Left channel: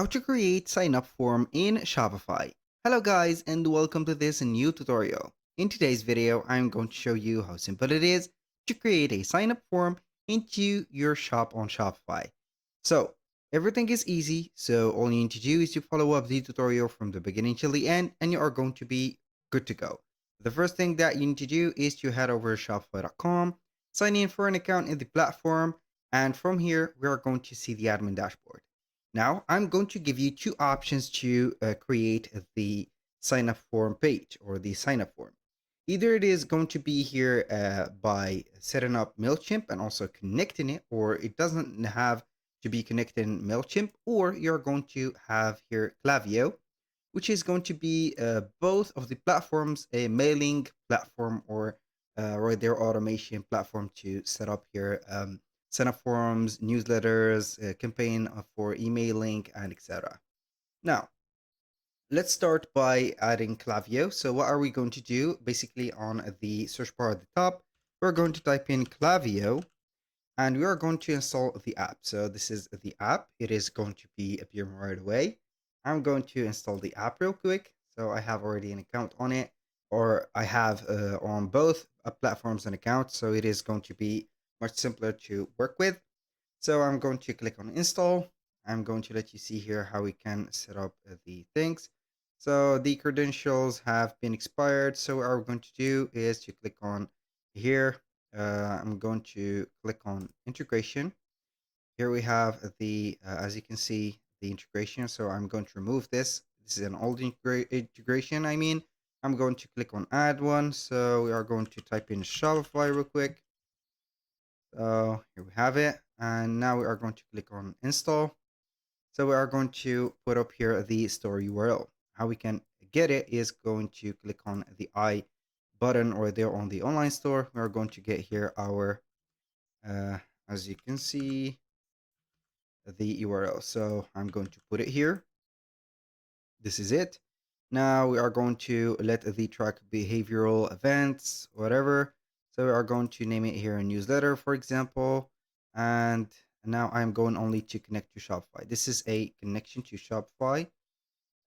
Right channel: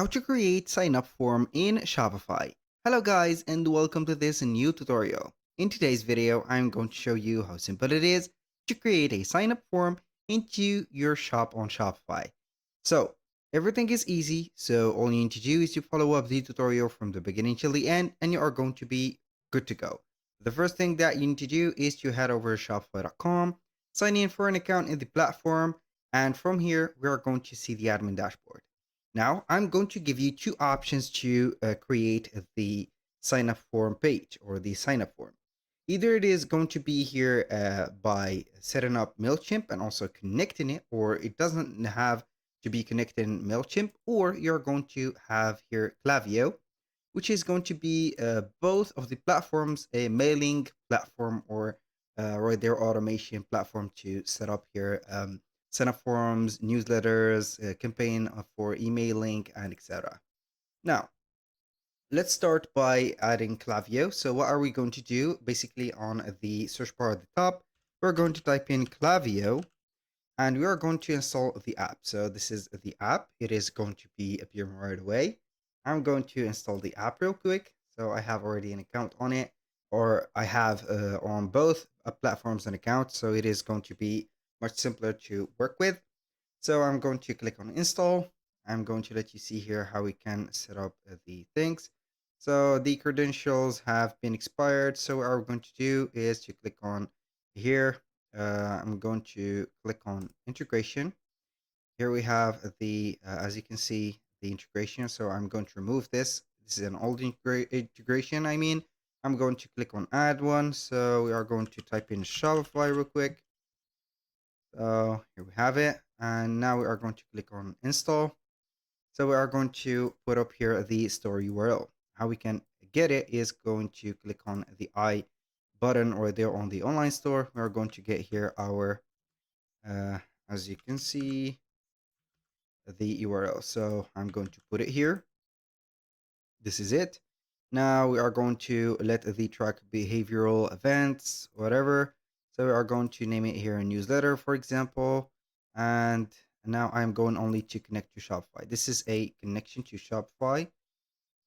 how to create sign up form in Shopify. Hello guys and welcome to this new tutorial. In today's video, I'm going to show you how simple it is to create a sign up form into your shop on Shopify. So everything is easy, so all you need to do is to follow up the tutorial from the beginning till the end and you are going to be good to go. The first thing that you need to do is to head over to shopify.com, sign in for an account in the platform, and from here we are going to see the admin dashboard. Now, I'm going to give you two options to create the sign up form page or the sign up form. Either it is going to be here by setting up Mailchimp and also connecting it, or it doesn't have to be connected in Mailchimp, or you're going to have here Klaviyo, which is going to be both of the platforms, a mailing platform or their automation platform to set up here sign up forms, newsletters, campaign for emailing, and etc. Now, let's start by adding Klaviyo. So what are we going to do? Basically, on the search bar at the top, we're going to type in Klaviyo, and we are going to install the app. So this is the app. It is going to be appearing right away. I'm going to install the app real quick. So I have already an account on it, or I have on both platforms an account. So it is going to be much simpler to work with. So I'm going to click on install. I'm going to let you see here how we can set up the things. So the credentials have been expired. So what we're going to do is to click on here. I'm going to click on integration. Here we have the, as you can see, the integration. So I'm going to remove this. This is an old integration. I'm going to click on add one. So we are going to type in Shopify real quick. So here we have it. And now we are going to click on install. So we are going to put up here the store URL. How we can get it is going to click on the I button or there on the online store. We are going to get here our, as you can see, the URL. So I'm going to put it here. This is it. Now we are going to let the track behavioral events, whatever. So we are going to name it here a newsletter, for example. And now I'm going only to connect to Shopify. This is a connection to Shopify.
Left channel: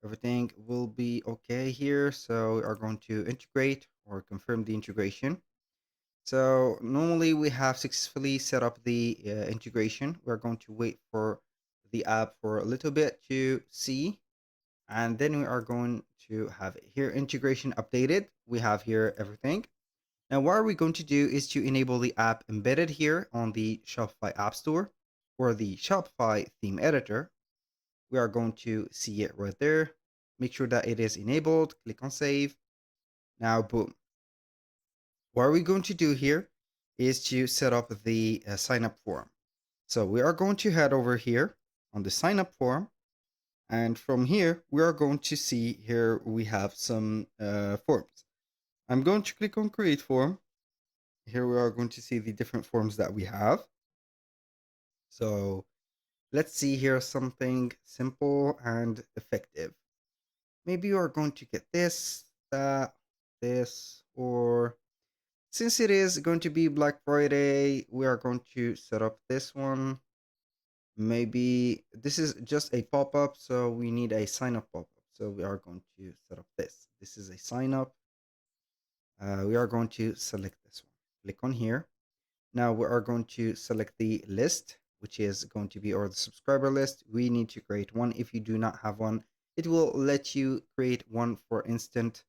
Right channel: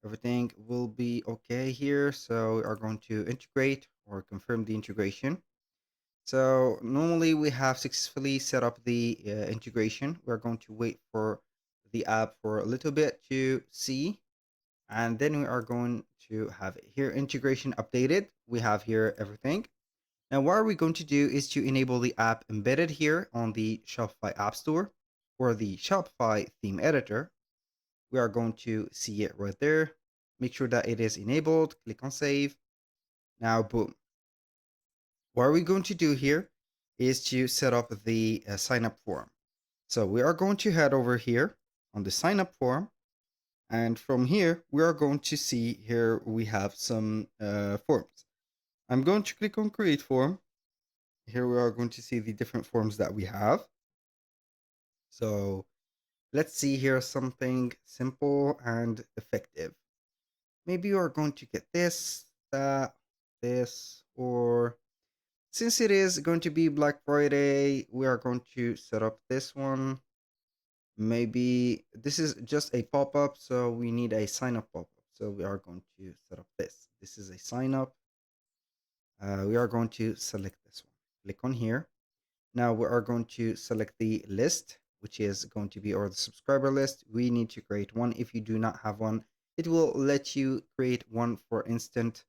Everything will be okay here. So we are going to integrate or confirm the integration. So normally we have successfully set up the integration. We're going to wait for the app for a little bit to see. And then we are going to have it here integration updated. We have here everything. Now what are we going to do is to enable the app embedded here on the Shopify App Store or the Shopify theme editor. We are going to see it right there. Make sure that it is enabled. Click on save. Now, boom. What are we going to do here is to set up the sign up form. So we are going to head over here on the sign up form. And from here, we are going to see here we have some forms. I'm going to click on create form. Here we are going to see the different forms that we have. So let's see here something simple and effective. Maybe you are going to get this, that, this, or since it is going to be Black Friday, we are going to set up this one. Maybe this is just a pop-up, so we need a sign-up pop-up. So we are going to set up this. This is a sign-up. We are going to select this one. Click on here. Now we are going to select the list, which is going to be our subscriber list. We need to create one. If you do not have one, it will let you create one for instant.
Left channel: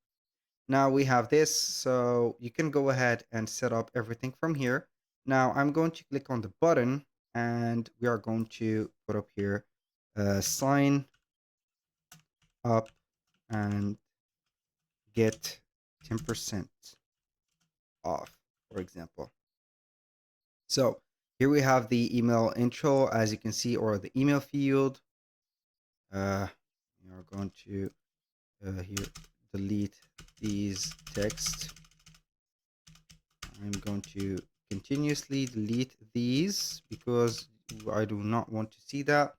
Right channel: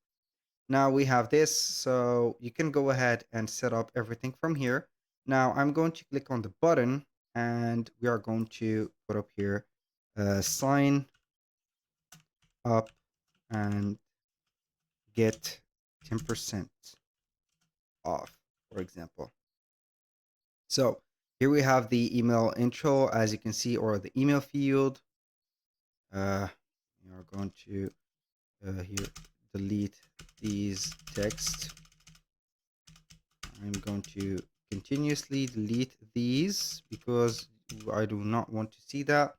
Now we have this, so you can go ahead and set up everything from here. Now I'm going to click on the button and we are going to put up here sign up and get 10% off, for example. So here we have the email intro, as you can see, or the email field. We are going to here delete these text. I'm going to continuously delete these because I do not want to see that.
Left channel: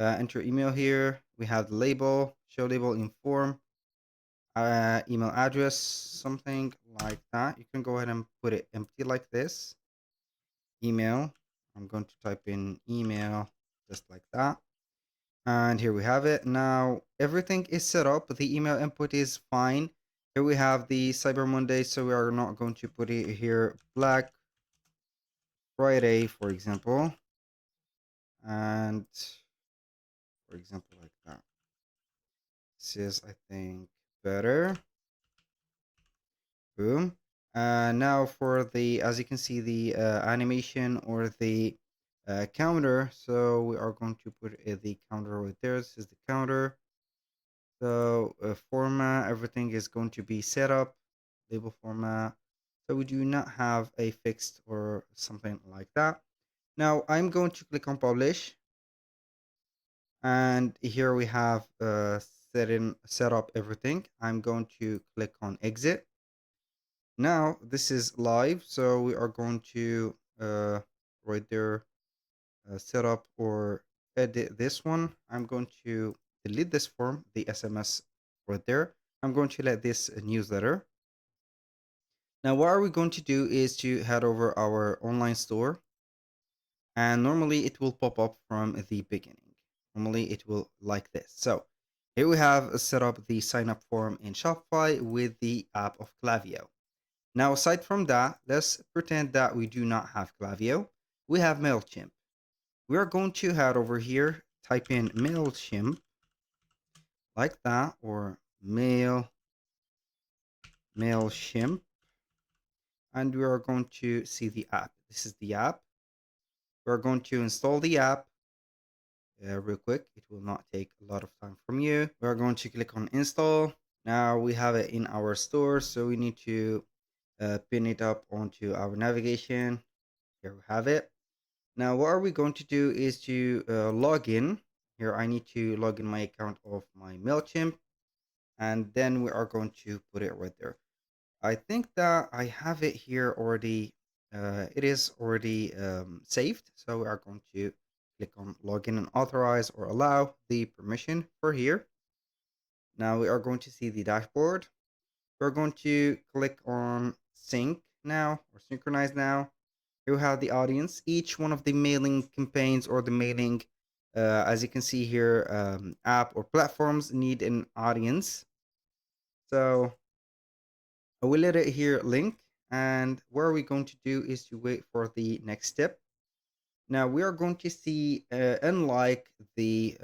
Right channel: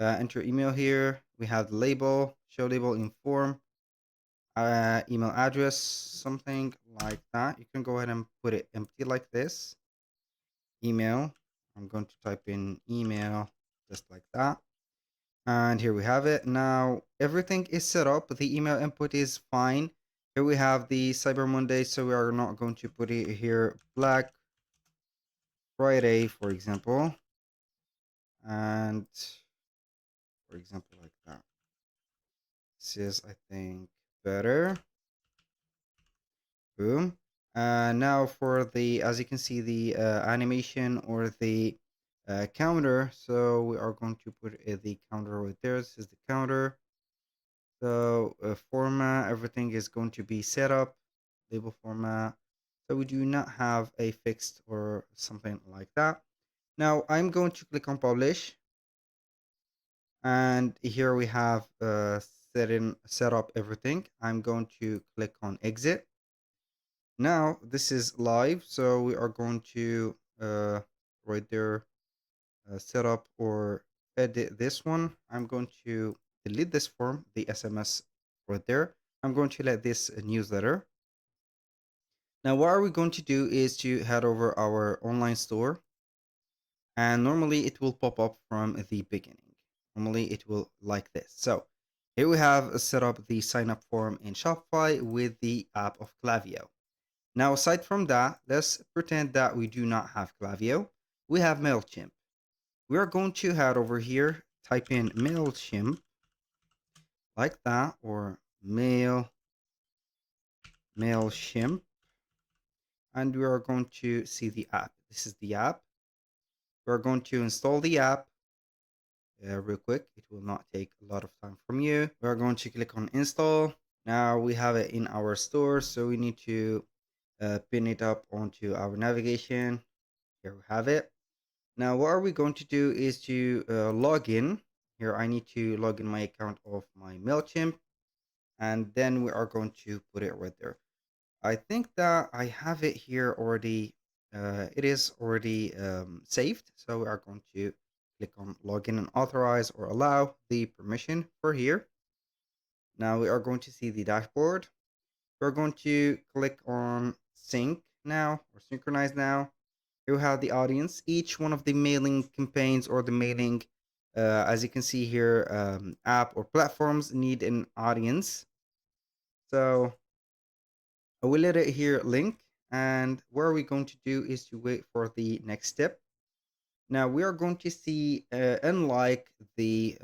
Enter email here. We have the label, show label in form, email address, something like that. You can go ahead and put it empty like this. Email. I'm going to type in email just like that. And here we have it. Now everything is set up. The email input is fine. Here we have the Cyber Monday, so we are not going to put it here Black Friday, for example. And for example, like that. This is, I think, better. Boom. Now for the, as you can see, the animation or the counter. So we are going to put the counter right there. This is the counter. So format, everything is going to be set up. Label format. So we do not have a fixed or something like that. Now I'm going to click on publish. And here we have set up everything. I'm going to click on exit. Now this is live, so we are going to right there set up or edit this one. I'm going to delete this form, the SMS right there. I'm going to let this newsletter. Now what are we going to do is to head over our online store, and normally it will pop up from the beginning. Normally it will like this. So here we have set up the sign up form in Shopify with the app of Klaviyo. Now, aside from that, let's pretend that we do not have Klaviyo. We have Mailchimp. We are going to head over here, type in Mailchimp like that, or Mailchimp, and we are going to see the app. This is the app. We're going to install the app real quick. It will not take a lot of time from you. We are going to click on install. Now we have it in our store, so we need to pin it up onto our navigation. Here we have it. Now what are we going to do is to log in. Here I need to log in my account of my Mailchimp, and then we are going to put it right there. I think that I have it here already. It is already saved, so we are going to click on login and authorize or allow the permission for here. Now we are going to see the dashboard. We're going to click on sync now or synchronize now. You have the audience. Each one of the mailing campaigns or the mailing, as you can see here, app or platforms need an audience. So I will let it here link. And what we're going to do is to wait for the next step. Now we are going to see, unlike the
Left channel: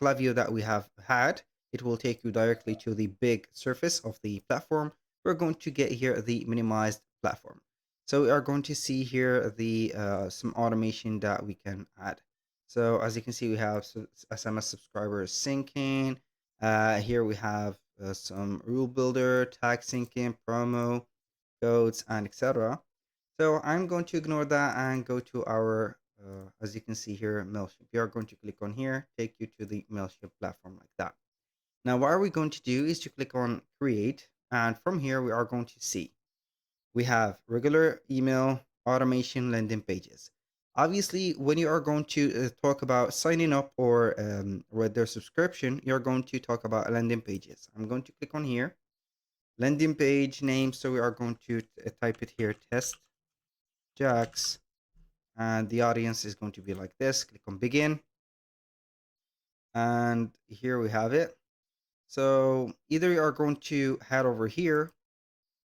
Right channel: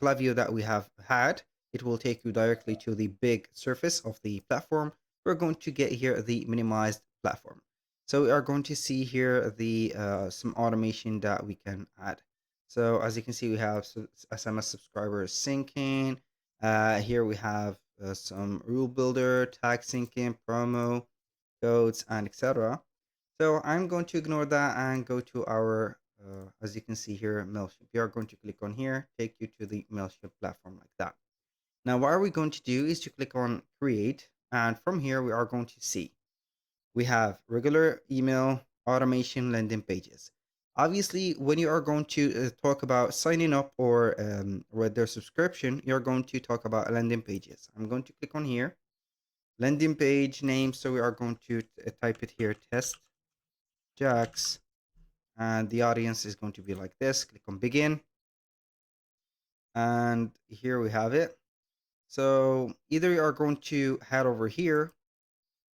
Klaviyo that we have had, it will take you directly to the big surface of the platform. We're going to get here the minimized platform. So we are going to see here the some automation that we can add. So as you can see, we have SMS subscribers syncing. Here we have some rule builder, tag syncing, promo codes, and etc. So I'm going to ignore that and go to our, as you can see here, Mailchimp. We are going to click on here, take you to the Mailchimp platform like that. Now, what are we going to do is to click on create. And from here, we are going to see we have regular email, automation, landing pages. Obviously, when you are going to talk about signing up or with their subscription, you're going to talk about landing pages. I'm going to click on here, landing page name. So we are going to type it here, test Jax, and the audience is going to be like this. Click on begin, and here we have it. So either you are going to head over here,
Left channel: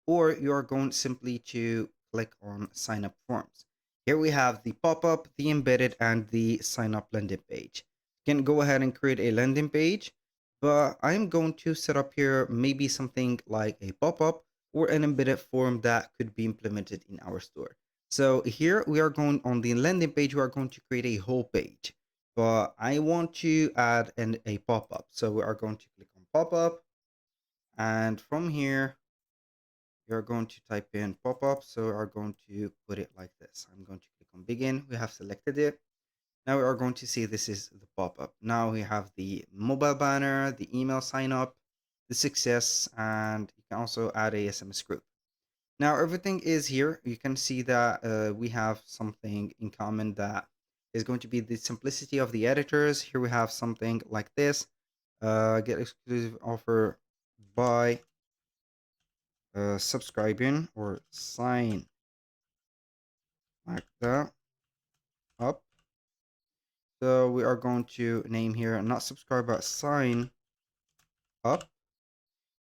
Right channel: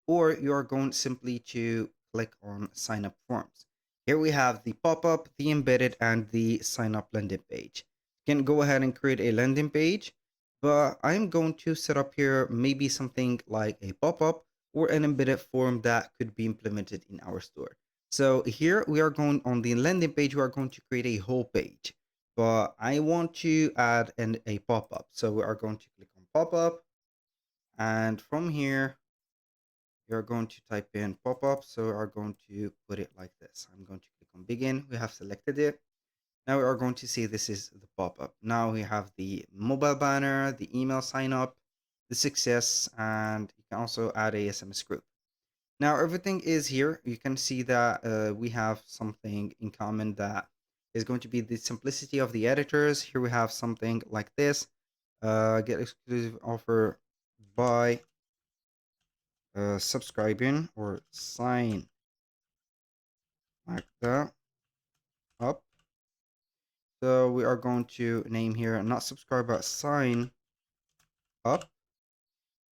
or you are going simply to click on sign up forms. Here we have the pop-up, the embedded, and the sign up landing page. You can go ahead and create a landing page, but I'm going to set up here maybe something like a pop-up or an embedded form that could be implemented in our store. So here we are going on the landing page, we are going to create a whole page, but I want to add a pop-up. So we are going to click on pop-up, and from here, you're going to type in pop-up. So we are going to put it like this. I'm going to click on begin. We have selected it. Now we are going to see this is the pop-up. Now we have the mobile banner, the email sign up, the success, and you can also add a SMS group. Now everything is here. You can see that we have something in common that is going to be the simplicity of the editors. Here we have something like this. Get exclusive offer by subscribing or sign like that up. So we are going to name here not subscribe but sign up.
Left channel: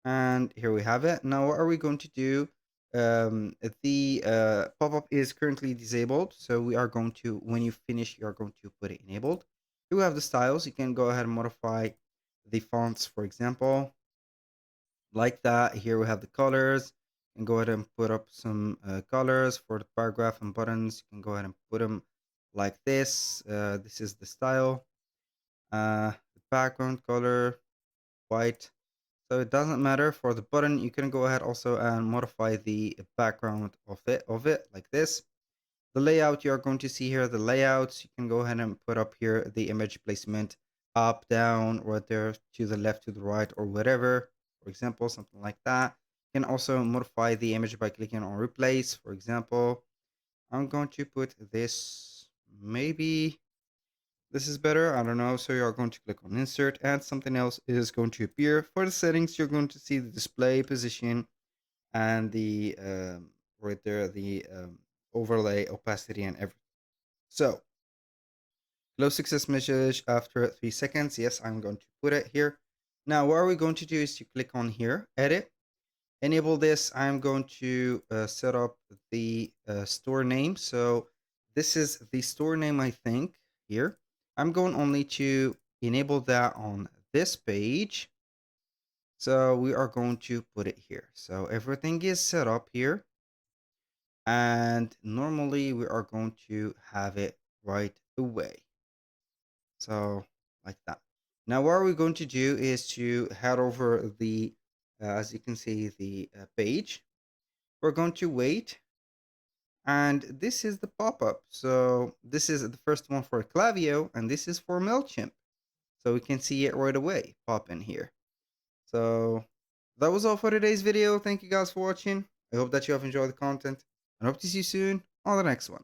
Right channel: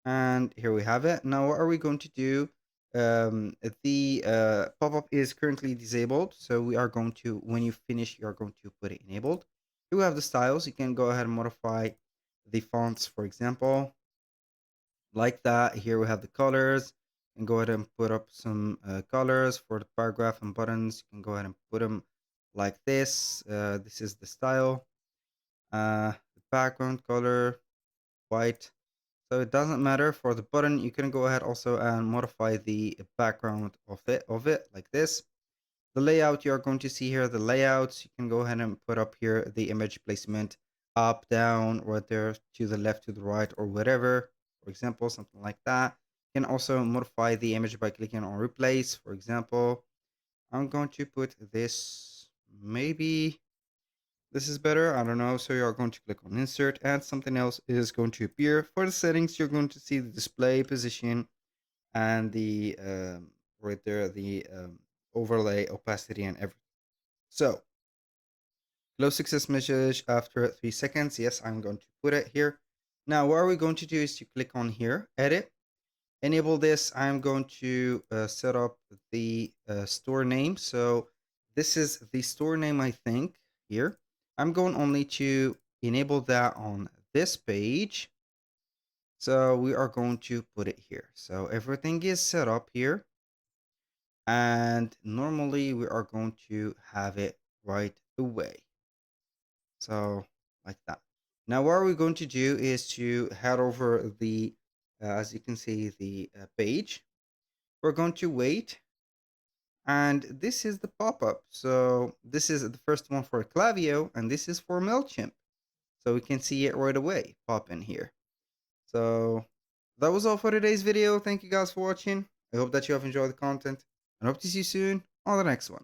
And here we have it. Now what are we going to do? The pop-up is currently disabled, so we are going to, when you finish, you are going to put it enabled. You have the styles. You can go ahead and modify the fonts, for example, like that. Here we have the colors, and go ahead and put up some colors for the paragraph and buttons. You can go ahead and put them like this. This is the style. The background color, white. So it doesn't matter for the button. You can go ahead also and modify the background of it like this. The layout, you're going to see here the layouts. You can go ahead and put up here the image placement up, down, right there, to the left, to the right, or whatever. For example, something like that. You can also modify the image by clicking on replace. For example, I'm going to put this, maybe this is better, I don't know. So you're going to click on insert and something else is going to appear. For the settings, you're going to see the display position and the right there, the overlay, opacity, and everything. So close success message after 3 seconds. Yes, I'm going to put it here. Now what are we going to do is to click on here, edit, enable this. I'm going to set up the store name. So this is the store name, I think, here. I'm going only to enable that on this page. So we are going to put it here. So everything is set up here. And normally we are going to have it right away. So like that. Now what are we going to do is to head over the, as you can see, the page. We're going to wait. And this is the pop-up. So this is the first one for Klaviyo, and this is for Mailchimp. So we can see it right away pop in here. So that was all for today's video. Thank you guys for watching. I hope that you have enjoyed the content, and hope to see you soon on the next one.